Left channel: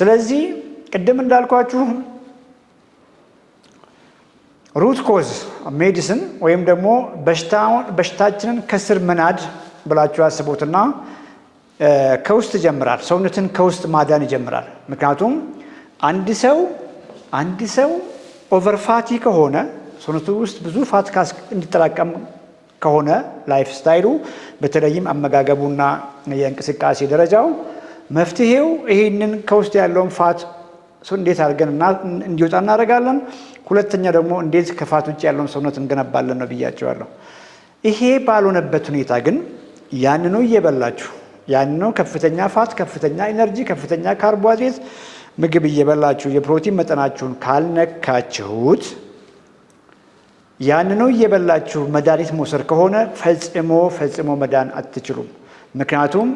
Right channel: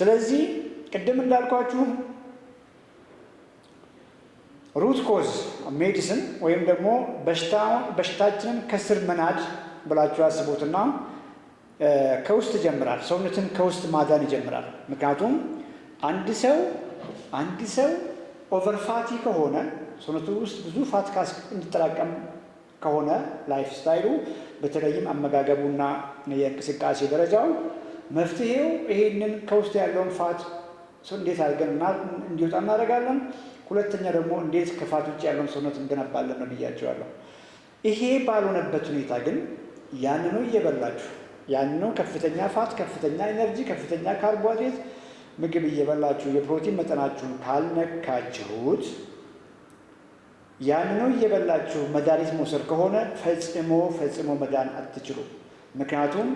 ስለዚህ ቅድም እንዳልኳችሁ ሩት ኮዝ ሜዲሲን ወይም ደግሞ በሽታችንን ከስር መናድ ብላችሁ አስቡትና ከውስጥ ይጀምራል። ሰውነትን ከውስጥ ማዳን ይጀምራል። ምክንያቱም አንድ ሰው ኦቨርፋቲ ከሆነ ሰውነቱ ውስጥ ብዙ ፋት እንዲጠራቀም ከሆነ ላይፍ ስታይሉ በተለይም አመጋገቡና የእንቅስቃሴ ደረጃው መፍትሄው ይሄንን ከውስጥ ያለውን ፋት እንዴት አድርገን እንዲወጣ እናደርጋለን። ሁለተኛ ደግሞ እንዴት ከፋት ውጭ ያለውን ሰውነት እንገነባለን ነው ብያቸዋለሁ። ይሄ ባልሆነበት ሁኔታ ግን ያንኑ እየበላችሁ ያንኑ ከፍተኛ ፋት፣ ከፍተኛ ኢነርጂ፣ ከፍተኛ ካርቦሃይድሬት ምግብ እየበላችሁ የፕሮቲን መጠናችሁን ካልነካችሁት ያንኑ እየበላችሁ መድኃኒት መውሰድ ከሆነ ፈጽሞ መዳን አትችሉም። ምክንያቱም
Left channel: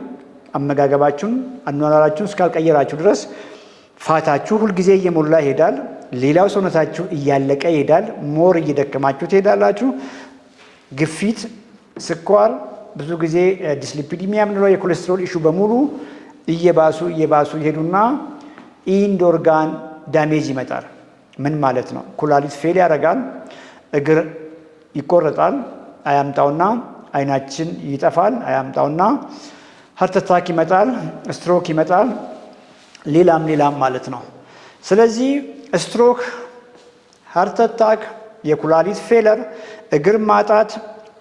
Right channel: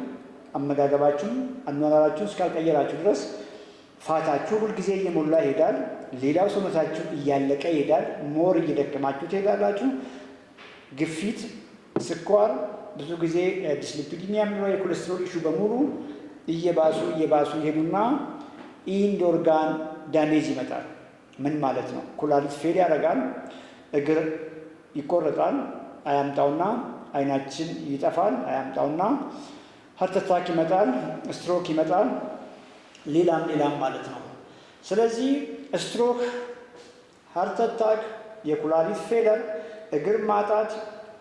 አመጋገባችሁን አኗኗራችሁን እስካልቀየራችሁ ድረስ ፋታችሁ ሁልጊዜ እየሞላ ይሄዳል። ሌላው ሰውነታችሁ እያለቀ ይሄዳል። ሞር እየደከማችሁ ትሄዳላችሁ። ግፊት፣ ስኳር፣ ብዙ ጊዜ ዲስሊፒዲሚያ የምንለው የኮሌስትሮል ኢሹ በሙሉ እየባሱ ይሄዱና ኢንድ ኦርጋን ዳሜጅ ይመጣል። ምን ማለት ነው? ኩላሊት ፌል ያደርጋል። እግር ይቆረጣል። አያምጣውና አይናችን ይጠፋል። አያምጣውና ሃርት አታክ ይመጣል። ስትሮክ ይመጣል። ሌላም ማለት ነው። ስለዚህ ስትሮክ፣ ሃርት አታክ፣ የኩላሊት ፌለር፣ እግር ማጣት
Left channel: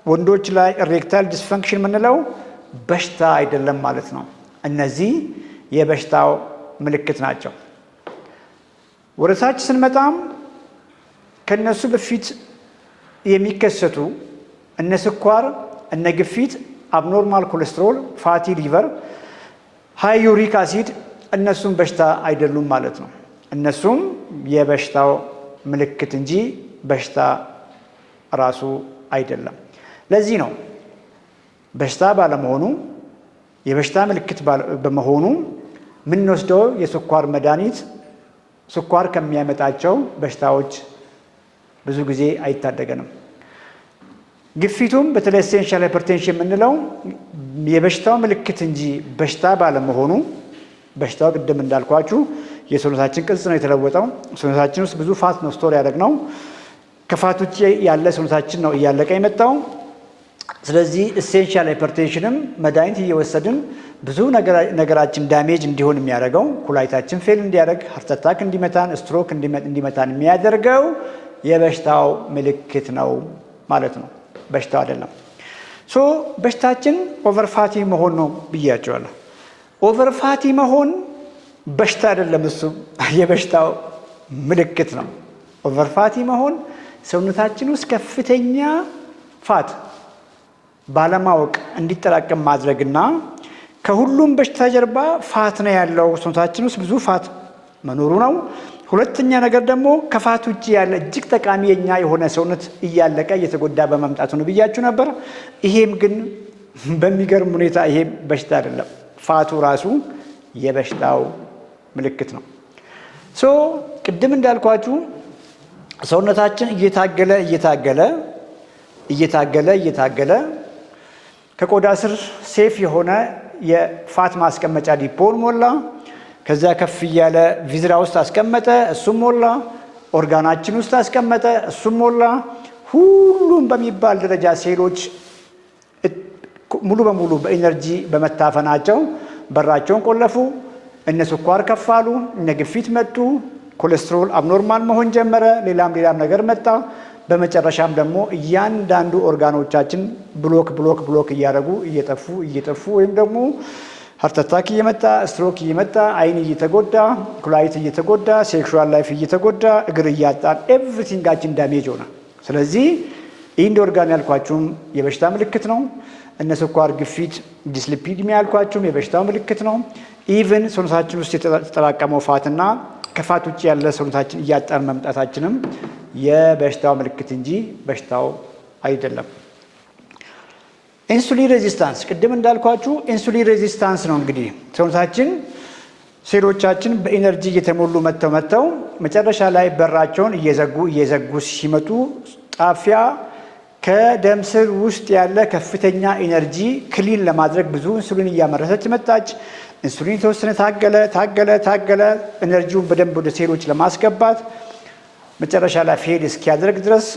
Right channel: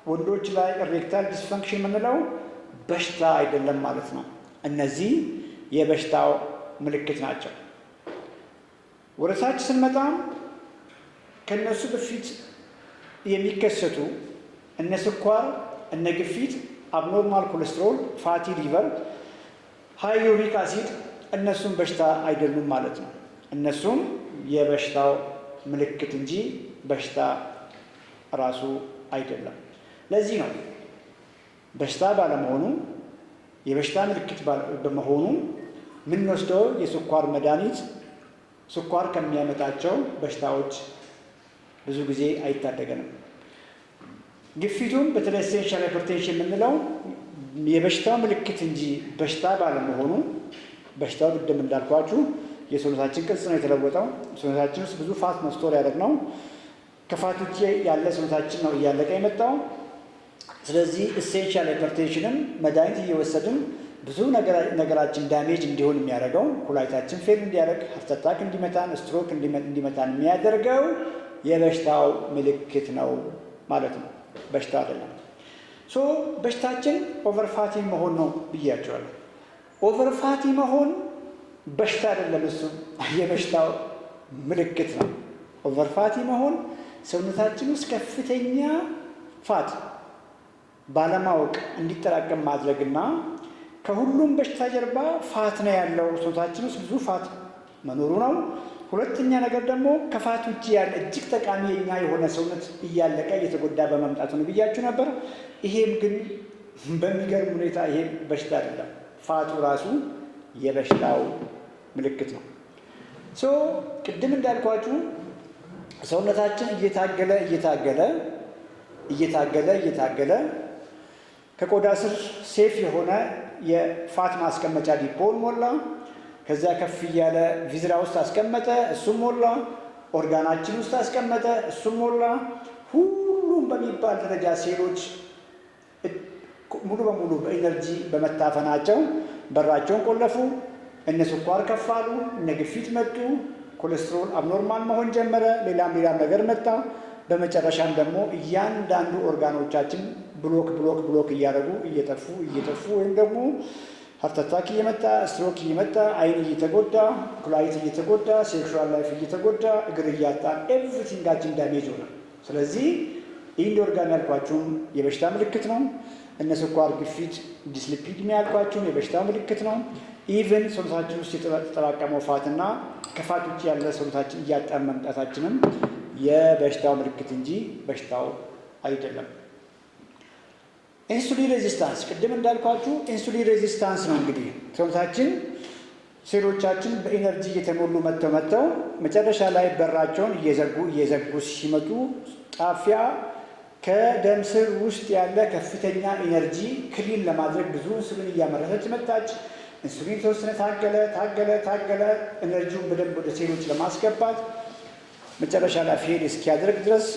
ወንዶች ላይ ኢሬክታይል ዲስፈንክሽን የምንለው በሽታ አይደለም ማለት ነው። እነዚህ የበሽታው ምልክት ናቸው። ወደ ታች ስንመጣም ከነሱ በፊት የሚከሰቱ እነ ስኳር፣ እነ ግፊት፣ አብኖርማል ኮሌስትሮል፣ ፋቲ ሊቨር፣ ሃይ ዩሪክ አሲድ እነሱም በሽታ አይደሉም ማለት ነው። እነሱም የበሽታው ምልክት እንጂ በሽታ ራሱ አይደለም። ለዚህ ነው በሽታ ባለመሆኑ የበሽታ ምልክት በመሆኑ የምንወስደው የስኳር መድኃኒት ስኳር ከሚያመጣቸው በሽታዎች ብዙ ጊዜ አይታደገንም። ግፊቱም በተለይ ኤሴንሻል ሃይፐርቴንሽን የምንለው የበሽታው ምልክት እንጂ በሽታ ባለመሆኑ በሽታው ቅድም እንዳልኳችሁ የሰውነታችን ቅርጽ ነው የተለወጠው። ሰውነታችን ውስጥ ብዙ ፋት ነው ስቶር ያደረግነው። ከፋት ውጭ ያለ ሰውነታችን ነው እያለቀ የመጣው። ስለዚህ ኤሴንሻል ሃይፐርቴንሽንም መድኃኒት እየወሰድን ብዙ ነገራችን ዳሜጅ እንዲሆን የሚያደርገው ኩላሊታችን ፌል እንዲያደርግ፣ ሃርት አታክ እንዲመታን፣ ስትሮክ እንዲመታን የሚያደርገው የበሽታው ምልክት ነው ማለት ነው፣ በሽታው አይደለም። በሽታችን ኦቨርፋቲ መሆን ነው ብያቸዋለሁ። ኦቨርፋቲ መሆን በሽታ አይደለም፣ እሱ የበሽታው ምልክት ነው። ኦቨርፋቲ መሆን ሰውነታችን ውስጥ ከፍተኛ ፋት ባለማወቅ እንዲጠራቀም ማድረግና ከሁሉም በሽታ ጀርባ ፋት ነው ያለው፣ ሰውነታችን ውስጥ ብዙ ፋት መኖሩ ነው። ሁለተኛ ነገር ደግሞ ከፋት ውጭ ያለ እጅግ ጠቃሚ የኛ የሆነ ሰውነት እያለቀ እየተጎዳ በመምጣቱ ነው ብያችሁ ነበር። ይሄም ግን በሚገርም ሁኔታ ይሄ በሽታ አይደለም፣ ፋቱ ራሱ የበሽታው ምልክት ነው። ቅድም እንዳልኳችሁ ሰውነታችን እየታገለ ከቆዳ ስር ሴፍ የሆነ የፋት ማስቀመጫ ዲፖን ሞላ። ከዛ ከፍ እያለ ቪዝራ ውስጥ አስቀመጠ፣ እሱም ሞላ። ኦርጋናችን ውስጥ አስቀመጠ፣ እሱም ሞላ። ሁሉም በሚባል ደረጃ ሴሎች ሙሉ በሙሉ በኢነርጂ በመታፈናቸው በራቸውን ቆለፉ። እነ ስኳር ከፍ አሉ፣ እነ ግፊት መጡ፣ ኮሌስትሮል አብኖርማል መሆን ጀመረ፣ ሌላም ነገር መጣ። በመጨረሻም ደግሞ እያንዳንዱ ኦርጋኖቻችን ብሎክ እያደረጉ እየጠፉ ወይም ደግሞ ሃርት አታክ እየመጣ፣ ስትሮክ እየመጣ፣ አይን እየተጎዳ፣ ኩላሊት እየተጎዳ፣ ሴክሹዋል ላይፍ እየተጎዳ፣ እግር እያጣን ኤቭሪቲንጋችን ዳሜጅ ሆነ። ስለዚህ ኢንድ ኦርጋን ያልኳችሁም የበሽታ ምልክት ነው። እነ ስኳር፣ ግፊት፣ ዲስሊፒዲሚያ ያልኳችሁም የበሽታው ምልክት ነው። ኢቭን ሰውነታችን ውስጥ የተጠራቀመው ፋትና ከፋት ውጭ ያለ ሰውነታችን እያጣን መምጣታችንም የበሽታው ምልክት እንጂ በሽታው አይደለም። ኢንሱሊን ሬዚስታንስ ቅድም እንዳልኳችሁ ኢንሱሊን ሬዚስታንስ ነው። እንግዲህ ሰውነታችን ሴሎቻችን በኢነርጂ እየተሞሉ መጥተው መጨረሻ ላይ በራቸውን እየዘጉ ሲመጡ ጣፊያ ከደም ስር ውስጥ ያለ ከፍተኛ ኢነርጂ ክሊን ለማድረግ ብዙ ኢንሱሊን እያመረተች መጣች። ኢንሱሊን የተወሰነ ታገለ ኤነርጂውን በደንብ ወደ ሴሎች ለማስገባት መጨረሻ ላይ ፌል እስኪያደርግ ድረስ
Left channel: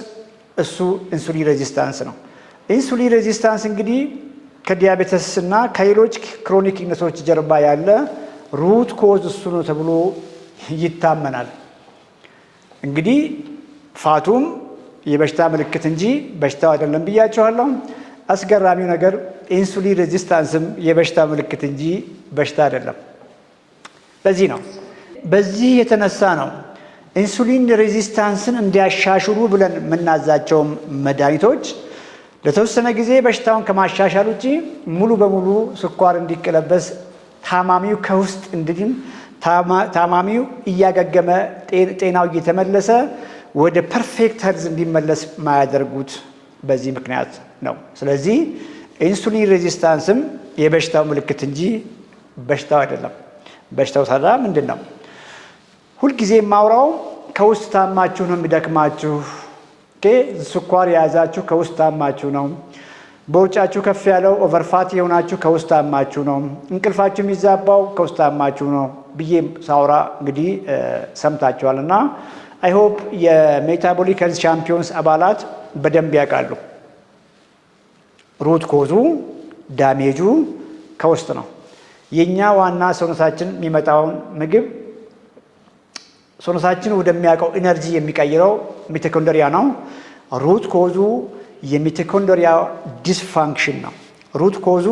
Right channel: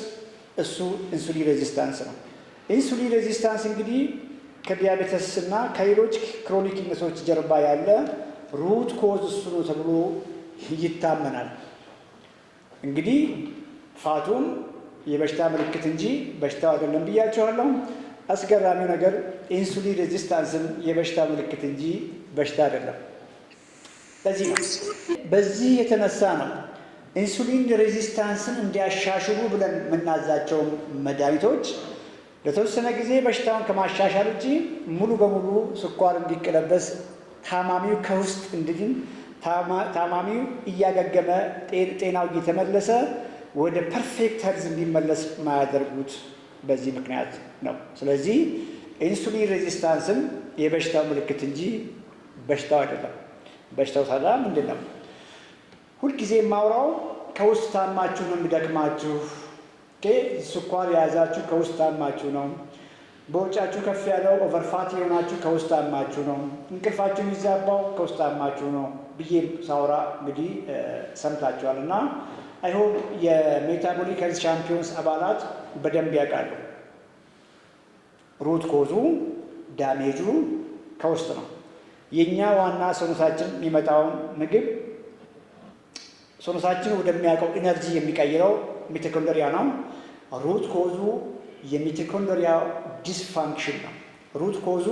እሱ ኢንሱሊን ሬዚስታንስ ነው። ኢንሱሊን ሬዚስታንስ እንግዲህ ከዲያቤተስ እና ከሌሎች ክሮኒክ ኢልነሶች ጀርባ ያለ ሩት ኮዝ እሱ ነው ተብሎ ይታመናል። እንግዲህ ፋቱም የበሽታ ምልክት እንጂ በሽታው አይደለም ብያቸዋለሁ። አስገራሚው ነገር ኢንሱሊን ሬዚስታንስም የበሽታ ምልክት እንጂ በሽታ አይደለም። በዚህ የተነሳ ነው ኢንሱሊን ሬዚስታንስን እንዲያሻሽሉ ብለን የምናዛቸው መድኃኒቶች ለተወሰነ ጊዜ በሽታውን ከማሻሻል ውጪ ሙሉ በሙሉ ስኳር እንዲቀለበስ ታማሚው ከውስጥ እንድድን ታማሚው እያገገመ ጤናው እየተመለሰ ወደ ፐርፌክት ሄልዝ እንዲመለስ ማያደርጉት በዚህ ምክንያት ነው። ስለዚህ ኢንሱሊን ሬዚስታንስም የበሽታው ምልክት እንጂ በሽታው አይደለም። በሽታው ታዲያ ምንድን ነው? ሁልጊዜ የማውራው ከውስጥ ታማችሁ ነው የሚደክማችሁ። ስኳር የያዛችሁ ከውስጥ ታማችሁ ነው። በውጫችሁ ከፍ ያለው ኦቨርፋት የሆናችሁ ከውስጥ ታማችሁ ነው። እንቅልፋችሁ የሚዛባው ከውስጥ ታማችሁ ነው ብዬ ሳውራ እንግዲህ ሰምታችኋል። እና አይሆፕ የሜታቦሊክ ሄልዝ ቻምፒዮንስ አባላት በደንብ ያውቃሉ። ሩት ኮዙ ዳሜጁ ከውስጥ ነው። የኛ ዋና ሰውነታችን የሚመጣውን ምግብ ሰውነታችን ወደሚያውቀው ኢነርጂ የሚቀይረው ሚቶኮንድሪያ ነው። ሩት ኮዙ የሚቶኮንድሪያ ዲስፋንክሽን ነው። ሩት ኮዙ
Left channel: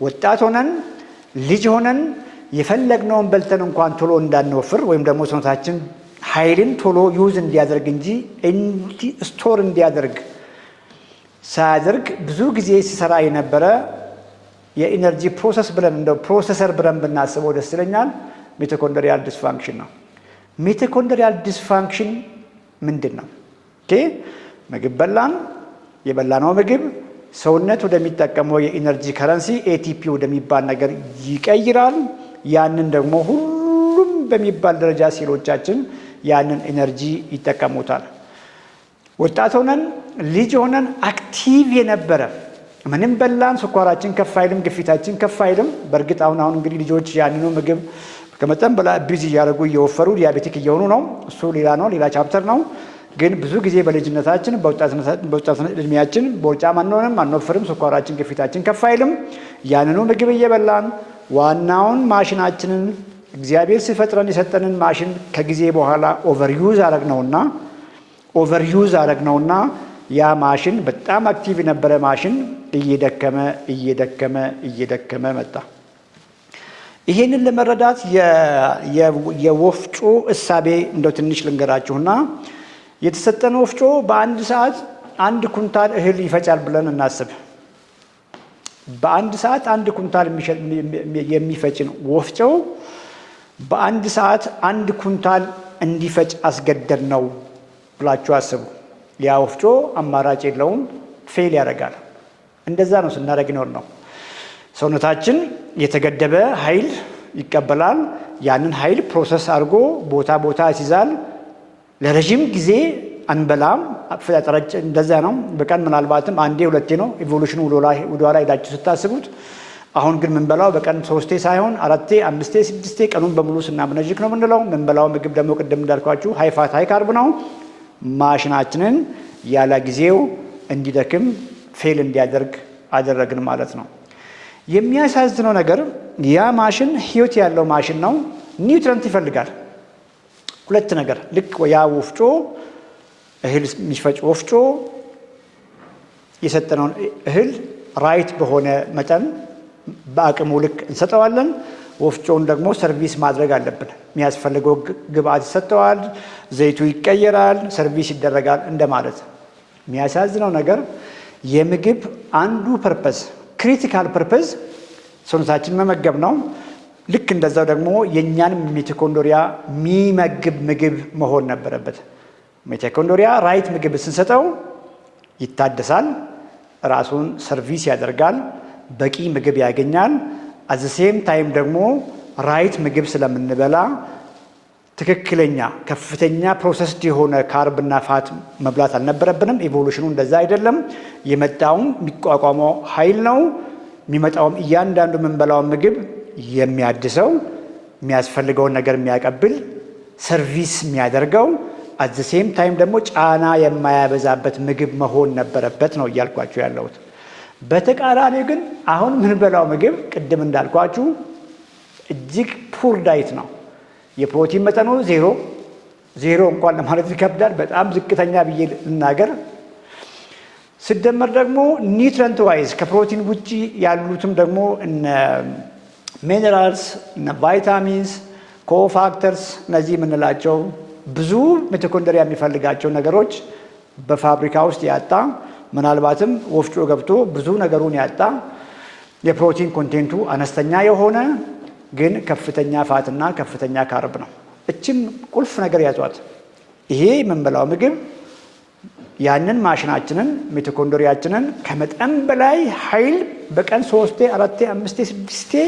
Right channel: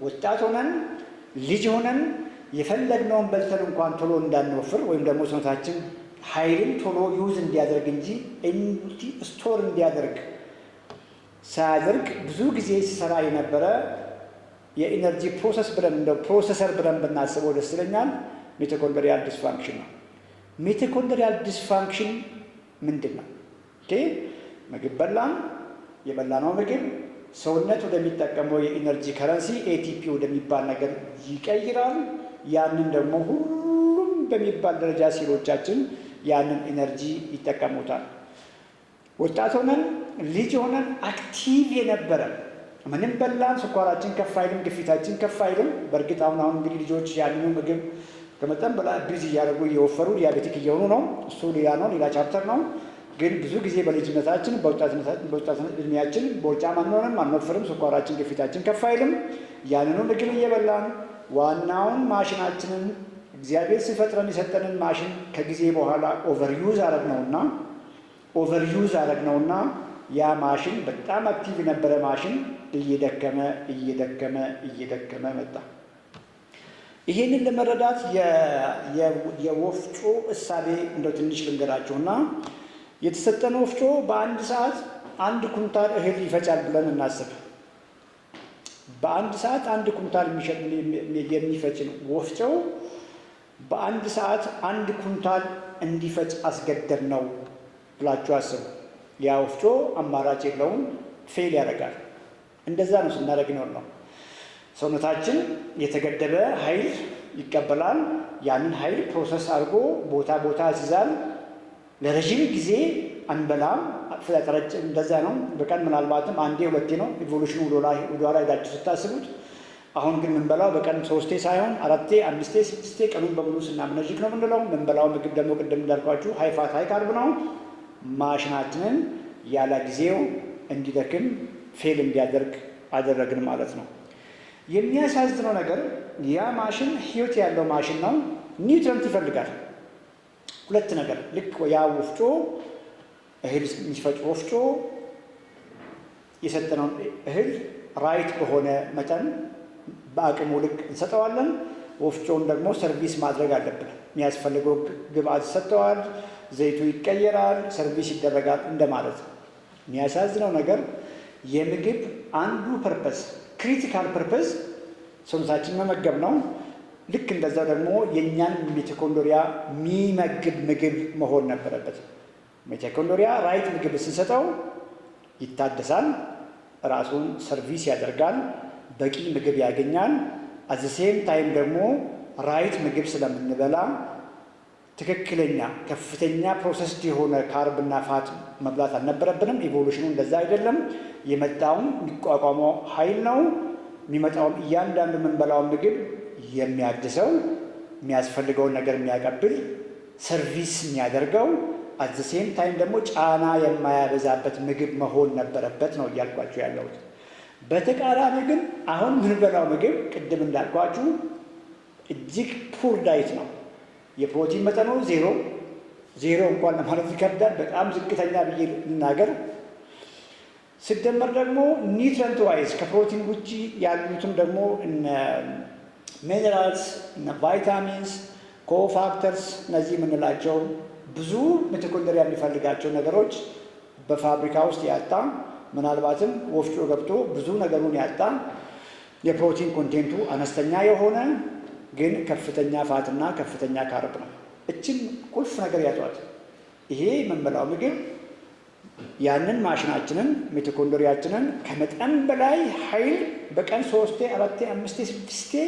ወጣት ሆነን ልጅ ሆነን የፈለግነውን በልተን እንኳን ቶሎ እንዳንወፍር ወይም ደግሞ ሰውነታችን ኃይልን ቶሎ ዩዝ እንዲያደርግ እንጂ ስቶር እንዲያደርግ ሳያደርግ ብዙ ጊዜ ሲሰራ የነበረ የኢነርጂ ፕሮሰስ ብለን እንደው ፕሮሰሰር ብለን ብናስበው ደስ ይለኛል። ሚቶኮንድሪያል ዲስፋንክሽን ነው። ሚቶኮንድሪያል ዲስፋንክሽን ምንድን ነው? ምግብ በላን፣ የበላነው ምግብ ሰውነት ወደሚጠቀመው የኢነርጂ ከረንሲ ኤቲፒ ወደሚባል ነገር ይቀይራል። ያንን ደግሞ ሁሉም በሚባል ደረጃ ሴሎቻችን ያንን ኢነርጂ ይጠቀሙታል። ወጣት ሆነን ልጅ ሆነን አክቲቭ የነበረ ምንም በላን ስኳራችን ከፍ አይልም፣ ግፊታችን ከፍ አይልም። በእርግጥ አሁን እንግዲህ ልጆች ያንኑ ምግብ ከመጠን በላይ ቢዚ እያደረጉ እየወፈሩ ዲያቤቲክ እየሆኑ ነው። እሱ ሌላ ነው፣ ሌላ ቻፕተር ነው። ግን ብዙ ጊዜ በልጅነታችን በወጣትነት እድሜያችን በውጫም አንሆንም፣ አንወፍርም፣ ስኳራችን ግፊታችን ከፍ አይልም። ያንኑ ምግብ እየበላን ዋናውን ማሽናችንን እግዚአብሔር ሲፈጥረን የሰጠንን ማሽን ከጊዜ በኋላ ኦቨርዩዝ አረግነውና ያ ማሽን በጣም አክቲቭ የነበረ ማሽን እየደከመ መጣ። ይሄንን ለመረዳት የወፍጮ እሳቤ እንደው ትንሽ ልንገራችሁና የተሰጠን ወፍጮ በአንድ ሰዓት 1 ኩንታል እህል ይፈጫል ብለን እናስብ። በአንድ ሰዓት 1 ኩንታል የሚፈጭን ወፍጮ በአንድ ሰዓት 1 ኩንታል እንዲፈጭ አስገደድ ነው ብላችሁ አስቡ። ያ ወፍጮ አማራጭ የለውም፣ ፌል ያደርጋል። እንደዛ ነው ስናደርግ ነው። ሰውነታችን የተገደበ ኃይል ይቀበላል። ያንን ኃይል ፕሮሰስ አድርጎ ቦታ ያስይዛል። ለረጅም ጊዜ አንበላም። አፈጣጠራችን እንደዛ ነው። በቀን ምናልባትም አንዴ ሁለቴ ነው። ኢቮሉሽኑ ወደኋላ ሄዳችሁ ስታስቡት። አሁን ግን ምንበላው በቀን 3 ሳይሆን 4፣ 5፣ 6 ቀኑን በሙሉ ስናመነዥክ ነው ምንለው። ምንበላው ምግብ ደግሞ ቅድም እንዳልኳችሁ ሃይ ፋት ሃይ ካርብ ነው። ማሽናችንን ያለ ጊዜው እንዲደክም ፌል እንዲያደርግ አደረግን ማለት ነው። የሚያሳዝነው ነገር ያ ማሽን ህይወት ያለው ማሽን ነው። ኒውትረንት ይፈልጋል። 2 ነገር ልክ ያ ወፍጮ እህል የሚፈጭ ወፍጮ የሰጠነውን እህል ራይት በሆነ መጠን በአቅሙ ልክ እንሰጠዋለን። ወፍጮውን ደግሞ ሰርቪስ ማድረግ አለብን። የሚያስፈልገው ግብአት ይሰጠዋል፣ ዘይቱ ይቀየራል፣ ሰርቪስ ይደረጋል እንደማለት። የሚያሳዝነው ነገር የምግብ አንዱ ፐርፐዝ ክሪቲካል ፐርፐዝ ሰውነታችን መመገብ ነው። ልክ እንደዛው ደግሞ የእኛን ሚቶኮንድሪያ የሚመግብ ምግብ መሆን ነበረበት። ሚቶኮንድሪያ ራይት ምግብ ስንሰጠው ይታደሳል፣ ራሱን ሰርቪስ ያደርጋል፣ በቂ ምግብ ያገኛል። አት ዘ ሴም ታይም ደግሞ ራይት ምግብ ስለምንበላ ትክክለኛ ከፍተኛ ፕሮሰስድ የሆነ ካርብና ፋት መብላት አልነበረብንም። ኢቮሉሽኑ እንደዛ አይደለም። የመጣውም የሚቋቋመው ኃይል ነው። የሚመጣውም እያንዳንዱ የምንበላውን ምግብ የሚያድሰው የሚያስፈልገውን ነገር የሚያቀብል ሰርቪስ የሚያደርገው አት ዘ ሴም ታይም ደግሞ ጫና የማያበዛበት ምግብ መሆን ነበረበት ነው እያልኳችሁ ያለሁት። በተቃራኒ ግን አሁን ምንበላው ምግብ ቅድም እንዳልኳችሁ እጅግ ፑር ዳይት ነው። የፕሮቲን መጠኑ ዜሮ እንኳን ለማለት ይከብዳል። በጣም ዝቅተኛ ብዬ ልናገር። ሲደመር ደግሞ ኒውትረንት ዋይዝ ከፕሮቲን ውጪ ያሉትም ደግሞ እነ ሚነራልስ እነ ቫይታሚንስ ኮፋክተርስ እነዚህ የምንላቸው ብዙ ሚቶኮንድሪያ የሚፈልጋቸው ነገሮች በፋብሪካ ውስጥ ያጣ ምናልባትም ወፍጮ ገብቶ ብዙ ነገሩን ያጣ የፕሮቲን ኮንቴንቱ አነስተኛ የሆነ ግን ከፍተኛ ፋትና ከፍተኛ ካርብ ነው። እችም ቁልፍ ነገር ያዟት። ይሄ የምንበላው ምግብ ያንን ማሽናችንን ሚቶኮንድሪያችንን ከመጠን በላይ ኃይል በቀን 3 4 5 6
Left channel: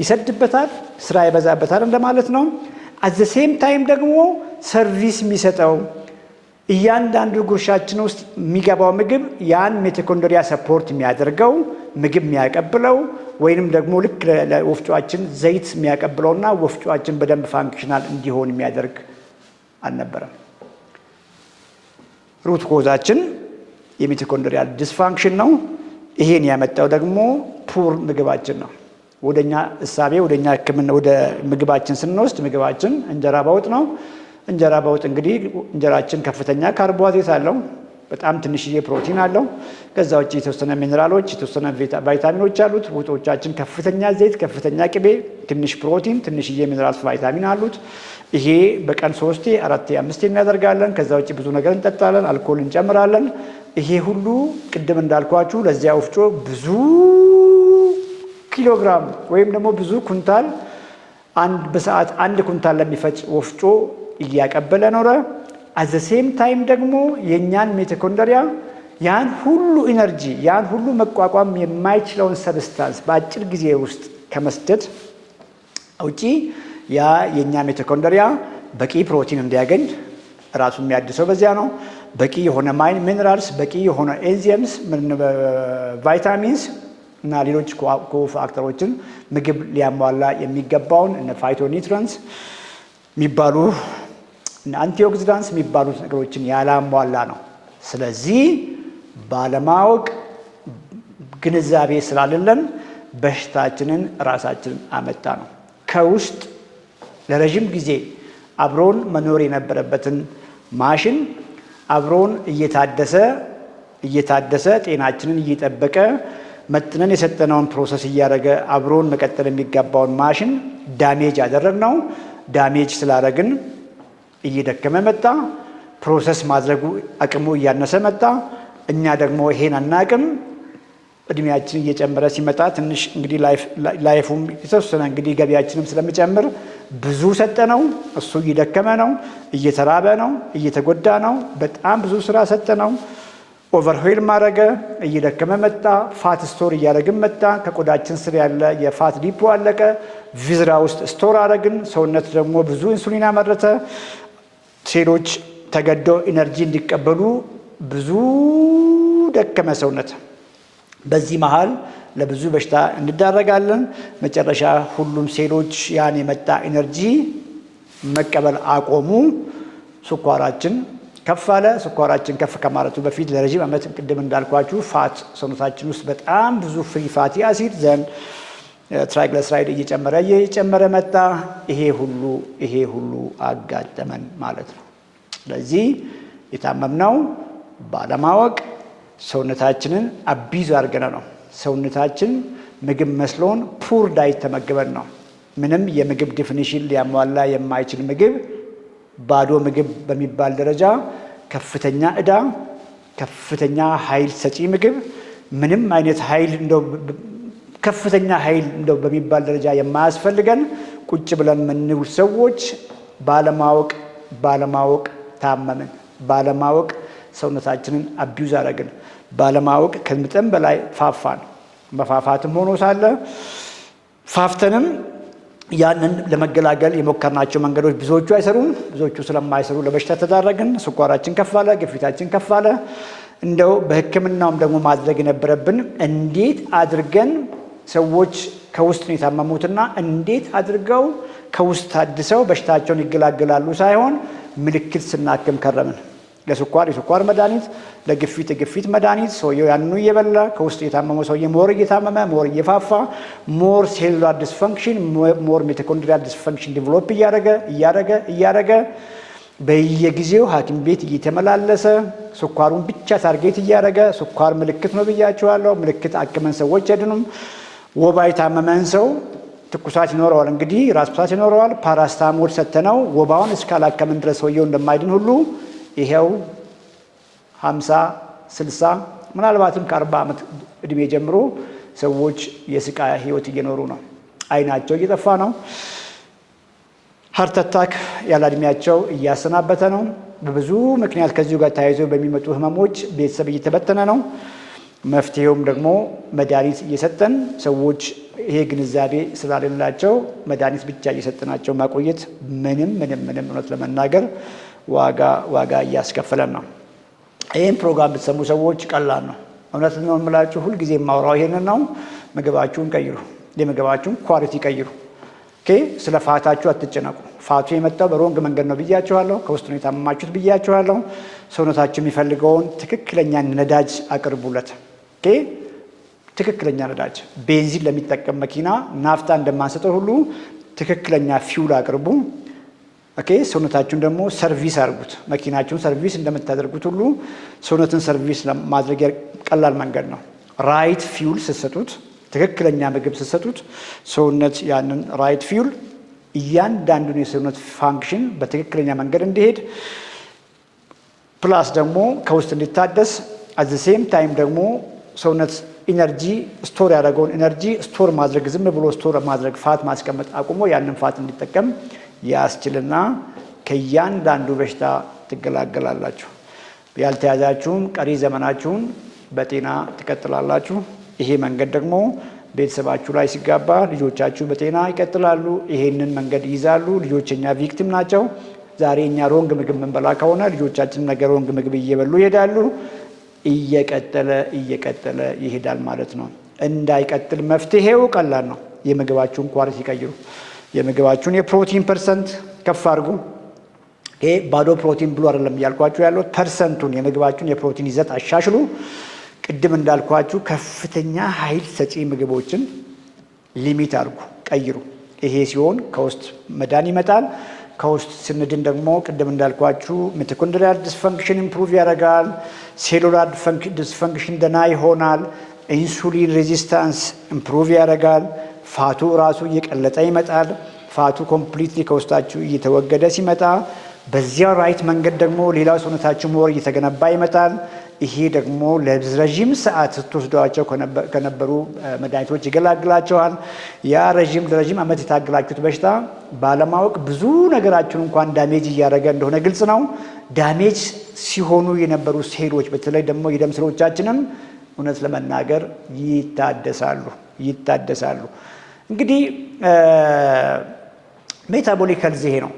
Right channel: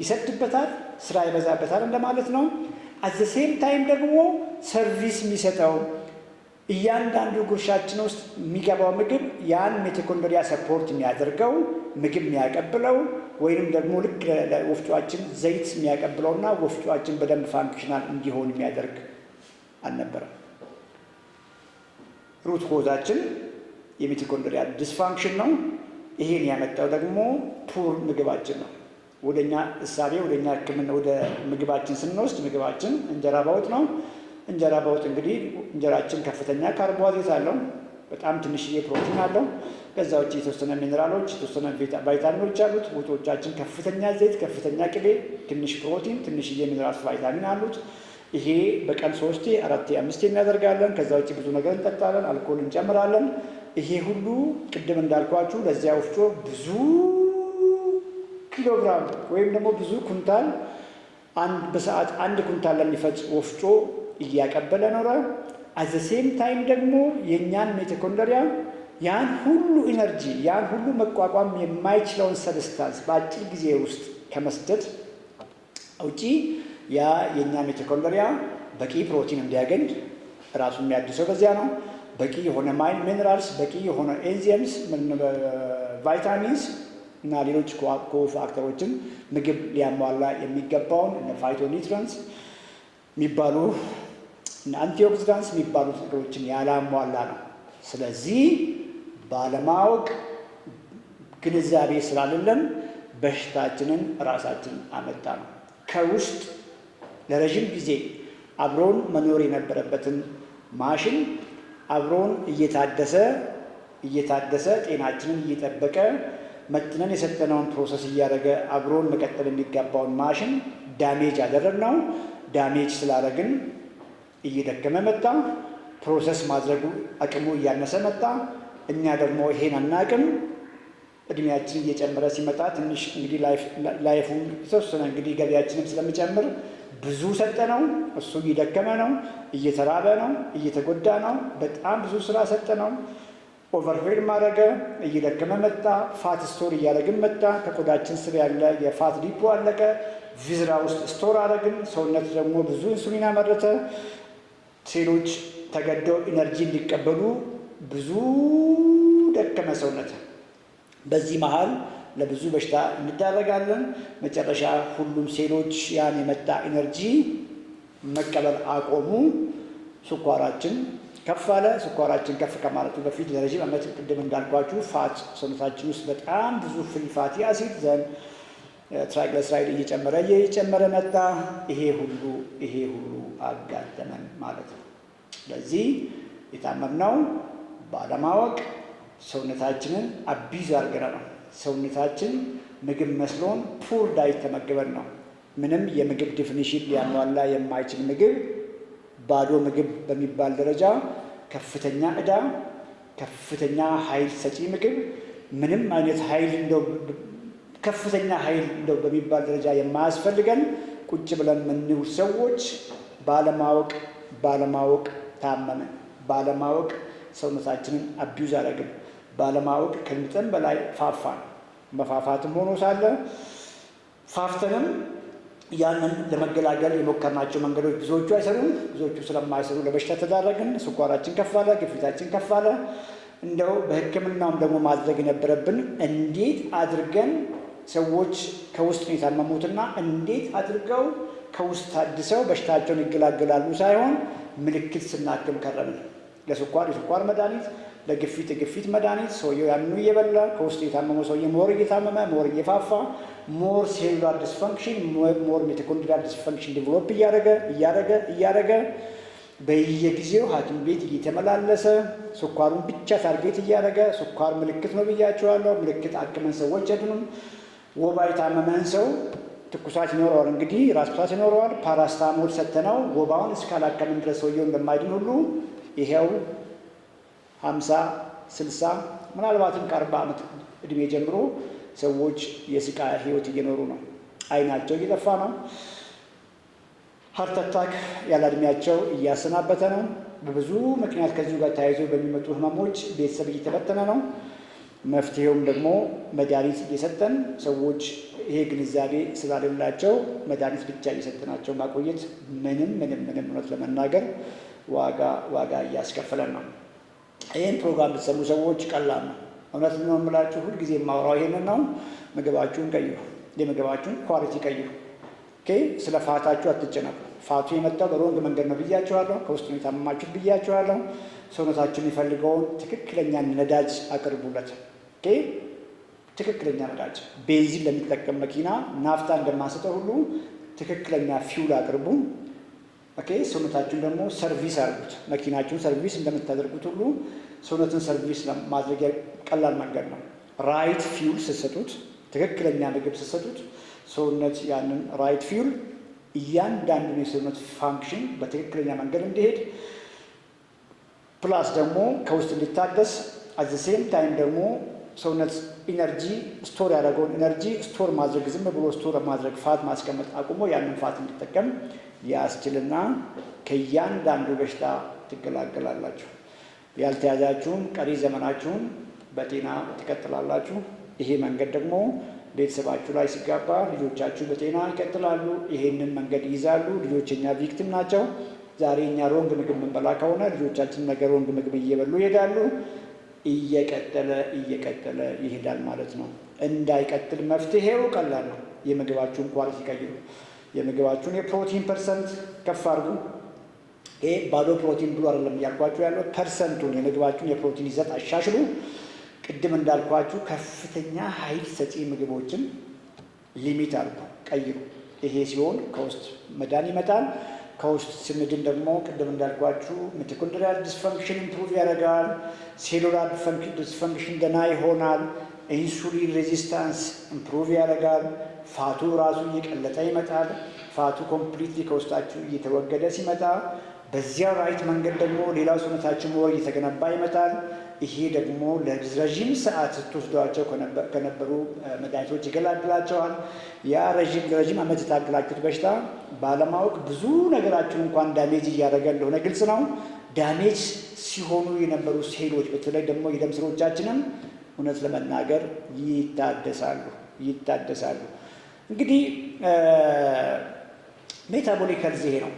ይሰድበታል፣ ስራ ይበዛበታል እንደማለት ነው። አት ዘ ሴም ታይም ደግሞ ሰርቪስ የሚሰጠው እያንዳንዱ ጉርሻችን ውስጥ የሚገባው ምግብ ያን ሚቶኮንድሪያ ሰፖርት የሚያደርገው ምግብ የሚያቀብለው ወይንም ደግሞ ልክ ለወፍጮአችን ዘይት የሚያቀብለውና ወፍጮአችን በደንብ ፋንክሽናል እንዲሆን የሚያደርግ አልነበረም። ሩት ኮዛችን የሚቶኮንድሪያ ዲስፋንክሽን ነው። ይሄን ያመጣው ደግሞ ፑር ምግባችን ነው። ወደኛ እሳቤ ወደኛ ሕክምና ወደ ምግባችን ስንወስድ ምግባችን እንጀራ በወጥ ነው። እንጀራ በወጥ እንግዲህ እንጀራችን ከፍተኛ ካርቦሃይድሬት አለው፣ በጣም ትንሽዬ ፕሮቲን አለው። ከዛ ውጭ የተወሰነ ሚነራሎች የተወሰነ ቫይታሚኖች አሉት። ወጦቻችን ከፍተኛ ዘይት፣ ከፍተኛ ቅቤ፣ ትንሽ ፕሮቲን፣ ትንሽዬ ሚነራልስ ቫይታሚን አሉት። ይሄ በቀን 3 4 5 እናደርጋለን። ከዛ ውጭ ብዙ ነገር እንጠጣለን፣ አልኮል እንጨምራለን። ይሄ ሁሉ ቅድም እንዳልኳችሁ ለዚያ ወፍጮ ብዙ ኪሎግራም ወይም ደግሞ ብዙ ኩንታል በሰዓት 1 ኩንታል ለሚፈጭ ወፍጮ እያቀበለ ኖረ። አት ዘ ሴም ታይም ደግሞ የእኛን ሚቶኮንድሪያ ያን ሁሉ ኢነርጂ ያን ሁሉ መቋቋም የማይችለውን ሰብስታንስ በአጭር ጊዜ ውስጥ ከመስደድ ውጪ ያ የእኛ ሚቶኮንድሪያ በቂ ፕሮቲን እንዲያገኝ ራሱን የሚያድሰው በዚያ ነው። በቂ የሆነ ሚነራልስ፣ በቂ የሆነ ኤንዛይምስ፣ ቫይታሚንስ እና ሌሎች ኮፋክተሮችን ምግብ ሊያሟላ የሚገባውን እነ ፋይቶኒውትሪየንትስ የሚባሉ አንቲኦክሲዳንትስ የሚባሉት ነገሮችን ያላሟላ ነው። ስለዚህ ባለማወቅ ግንዛቤ ስላልለን በሽታችንን ራሳችንን አመጣ ነው። ከውስጥ ለረጅም ጊዜ አብሮን መኖር የነበረበትን ማሽን አብሮን እየታደሰ ጤናችንን እየጠበቀ መጥነን የሰጠነውን ፕሮሰስ እያደረገ አብሮን መቀጠል የሚገባውን ማሽን ዳሜጅ አደረግነው። ዳሜጅ ስላደረግን እየደከመ መጣ። ፕሮሰስ ማድረጉ አቅሙ እያነሰ መጣ። እኛ ደግሞ ይሄን አናቅም። እድሜያችን እየጨመረ ሲመጣ ትንሽ እንግዲህ ላይፉም የተወሰነ እንግዲህ ገቢያችንም ስለሚጨምር ብዙ ሰጠነው። እሱ እየደከመ ነው፣ እየተራበ ነው፣ እየተጎዳ ነው። በጣም ብዙ ስራ ሰጠነው። ኦቨርሄል ማድረገ፣ እየደከመ መጣ። ፋት ስቶር እያደረግን መጣ። ከቆዳችን ስር ያለ የፋት ዲፖ አለቀ። ቪዝራ ውስጥ ስቶር አደረግን። ሰውነት ደግሞ ብዙ ኢንሱሊን አመረተ። ሴሎች ተገደው ኢነርጂ እንዲቀበሉ ብዙ ደከመ ሰውነት። በዚህ መሃል ለብዙ በሽታ እንዳረጋለን። መጨረሻ ሁሉም ሴሎች ያን የመጣ ኢነርጂ መቀበል አቆሙ። ስኳራችን ከፍ አለ። ስኳራችን ከፍ ከማለቱ በፊት ለረጅም ዓመት ቅድም እንዳልኳችሁ ፋት ሰውነታችን ውስጥ በጣም ብዙ ፍሪ ፋቲ አሲድ ዘንድ ትራይግሊሰራይድ እየጨመረ መጣ። ይሄ ሁሉ አጋጠመን ማለት ነው። ስለዚህ የታመምነው ባለማወቅ ሰውነታችንን አቢዝ አድርገን ነው። ሰውነታችን ምግብ መስሎን ፑር ዳይት ተመግበን ነው። ምንም የምግብ ዲፊኒሽን ሊያሟላ የማይችል ምግብ፣ ባዶ ምግብ በሚባል ደረጃ ከፍተኛ ዕዳ፣ ከፍተኛ ኃይል ሰጪ ምግብ፣ ምንም አይነት ኃይል ከፍተኛ ኃይል በሚባል ደረጃ የማያስፈልገን ቁጭ ብለን የምንውል ሰዎች ባለማወቅ ታመምን። ባለማወቅ ሰውነታችንን አቢዩዝ አደረግን። ባለማወቅ ከመጠን በላይ ፋፋን። መፋፋትም ሆኖ ሳለ ፋፍተንም ያንን ለመገላገል የሞከርናቸው መንገዶች ብዙዎቹ አይሰሩም። ብዙዎቹ ስለማይሰሩ ለበሽታ ተዳረግን። ስኳራችን ከፍ አለ፣ ግፊታችን ከፍ አለ። እንደው በሕክምናውም ደግሞ ማድረግ የነበረብን እንዴት አድርገን ሰዎች ከውስጥ ነው የታመሙትና እንዴት አድርገው ከውስጥ ታድሰው በሽታቸውን ይገላገላሉ ሳይሆን ምልክት ስናክም ከረምን። ለስኳር የስኳር መድኃኒት፣ ለግፊት የግፊት መድኃኒት፣ ሰውየው ያንኑ እየበላ ከውስጥ የታመመው ሰውዬ ሞር እየታመመ ሞር እየፋፋ ሞር ሴሉላር ዲስፈንክሽን ሞር ሚቶኮንድሪያል ዲስፈንክሽን ዲቨሎፕ እያደረገ በየጊዜው ሐኪም ቤት እየተመላለሰ ስኳሩን ብቻ ታርጌት እያደረገ ስኳር ምልክት ነው ብያቸዋለሁ። ምልክት አክመን ሰዎች አይድኑም። ወባ የታመመን ሰው ትኩሳት ይኖረዋል፣ እንግዲህ ራስ ምታት ይኖረዋል። ፓራስታሞል ሰተነው ወባውን እስካላከምን ድረስ ሰውየው እንደማይድን ሁሉ ይሄው 50 60 ምናልባትም ከ40 ዓመት እድሜ ጀምሮ ሰዎች የስቃይ ህይወት እየኖሩ ነው። አይናቸው እየጠፋ ነው። ሃርት አታክ ያለ እድሜያቸው እያሰናበተ ነው። በብዙ ምክንያት ከዚሁ ጋር ተያይዞ በሚመጡ ህመሞች ቤተሰብ እየተበተነ ነው። መፍትሄውም ደግሞ መድኃኒት እየሰጠን ሰዎች ይሄ ግንዛቤ ስላሌላቸው መድኃኒት ብቻ እየሰጠናቸው ማቆየት ምንም እውነት ለመናገር ዋጋ እያስከፈለን ነው። ይህን ፕሮግራም ብትሰሙ ሰዎች ቀላል ነው። እውነት ነው የምላችሁ፣ ሁልጊዜ የማወራው ይሄንን ነው። ምግባችሁን ቀይሩ፣ የምግባችሁን ኳሊቲ ቀይሩ። ስለ ፋታችሁ አትጨነቁ። ፋቱ የመጣው በሮንግ መንገድ ነው ብያችኋለሁ። ከውስጥ ነው የታመማችሁት ብያችኋለሁ። ሰውነታችሁ የሚፈልገውን ትክክለኛ ነዳጅ አቅርቡለት። ትክክለኛ ነዳጅ ቤንዚን ለሚጠቀም መኪና ናፍታ እንደማንሰጠው ሁሉ ትክክለኛ ፊውል አቅርቡ። ሰውነታችሁን ደግሞ ሰርቪስ አድርጉት። መኪናችሁን ሰርቪስ እንደምታደርጉት ሁሉ ሰውነትን ሰርቪስ ለማድረግ ቀላል መንገድ ነው። ራይት ፊውል ስትሰጡት፣ ትክክለኛ ምግብ ስትሰጡት ሰውነት ያንን ራይት ፊውል እያንዳንዱን የሰውነት ፋንክሽን በትክክለኛ መንገድ እንዲሄድ ፕላስ ደግሞ ከውስጥ እንዲታደስ አት ዘ ሴም ታይም ደግሞ ሰውነት ኢነርጂ ስቶር ያደረገውን ኢነርጂ ስቶር ማድረግ ዝም ብሎ ስቶር ማድረግ ፋት ማስቀመጥ አቁሞ ያንን ፋት እንዲጠቀም ያስችልና ከእያንዳንዱ በሽታ ትገላገላላችሁ። ያልተያዛችሁን ቀሪ ዘመናችሁን በጤና ትቀጥላላችሁ። ይሄ መንገድ ደግሞ ቤተሰባችሁ ላይ ሲጋባ ልጆቻችሁ በጤና ይቀጥላሉ። ይሄንን መንገድ ይይዛሉ። ልጆች የኛ ቪክቲም ናቸው። ዛሬ እኛ ሮንግ ምግብ የምንበላ ከሆነ ልጆቻችን ነገ ሮንግ ምግብ እየበሉ ይሄዳሉ። እየቀጠለ ይሄዳል ማለት ነው። እንዳይቀጥል መፍትሄው ቀላል ነው። የምግባችሁን ኳሊቲ ይቀይሩ። የምግባችሁን የፕሮቲን ፐርሰንት ከፍ አድርጉ። ይሄ ባዶ ፕሮቲን ብሎ አይደለም እያልኳችሁ ያለው፣ ፐርሰንቱን የምግባችሁን የፕሮቲን ይዘት አሻሽሉ። ቅድም እንዳልኳችሁ ከፍተኛ ኃይል ሰጪ ምግቦችን ሊሚት አድርጉ፣ ቀይሩ። ይሄ ሲሆን ከውስጥ መዳን ይመጣል። ከውስጥ ስንድን ደግሞ ቅድም እንዳልኳችሁ ሚቶኮንድሪያል ዲስፈንክሽን ኢምፕሩቭ ያደርጋል። ሴሉላር ዲስፈንክሽን ደህና ይሆናል። ኢንሱሊን ሬዚስታንስ ኢምፕሩቭ ያደርጋል። ፋቱ ራሱ እየቀለጠ ይመጣል። ፋቱ ኮምፕሊትሊ ከውስጣችሁ እየተወገደ ሲመጣ በዚያ ራይት መንገድ ደግሞ ሌላው ሰውነታችሁ ሞር እየተገነባ ይመጣል። ይሄ ደግሞ ለረዥም ሰዓት ስትወስዷቸው ከነበሩ መድኃኒቶች ይገላግላቸዋል። ያ ለረዥም ዓመት የታገላችሁት በሽታ ባለማወቅ ብዙ ነገራችሁን እንኳን ዳሜጅ እያደረገ እንደሆነ ግልጽ ነው። ዳሜጅ ሲሆኑ የነበሩ ሴሎች በተለይ ደግሞ የደም ስሮቻችንም እውነት ለመናገር ይታደሳሉ። እንግዲህ ሜታቦሊክ ሄልዝ ይሄ ነው።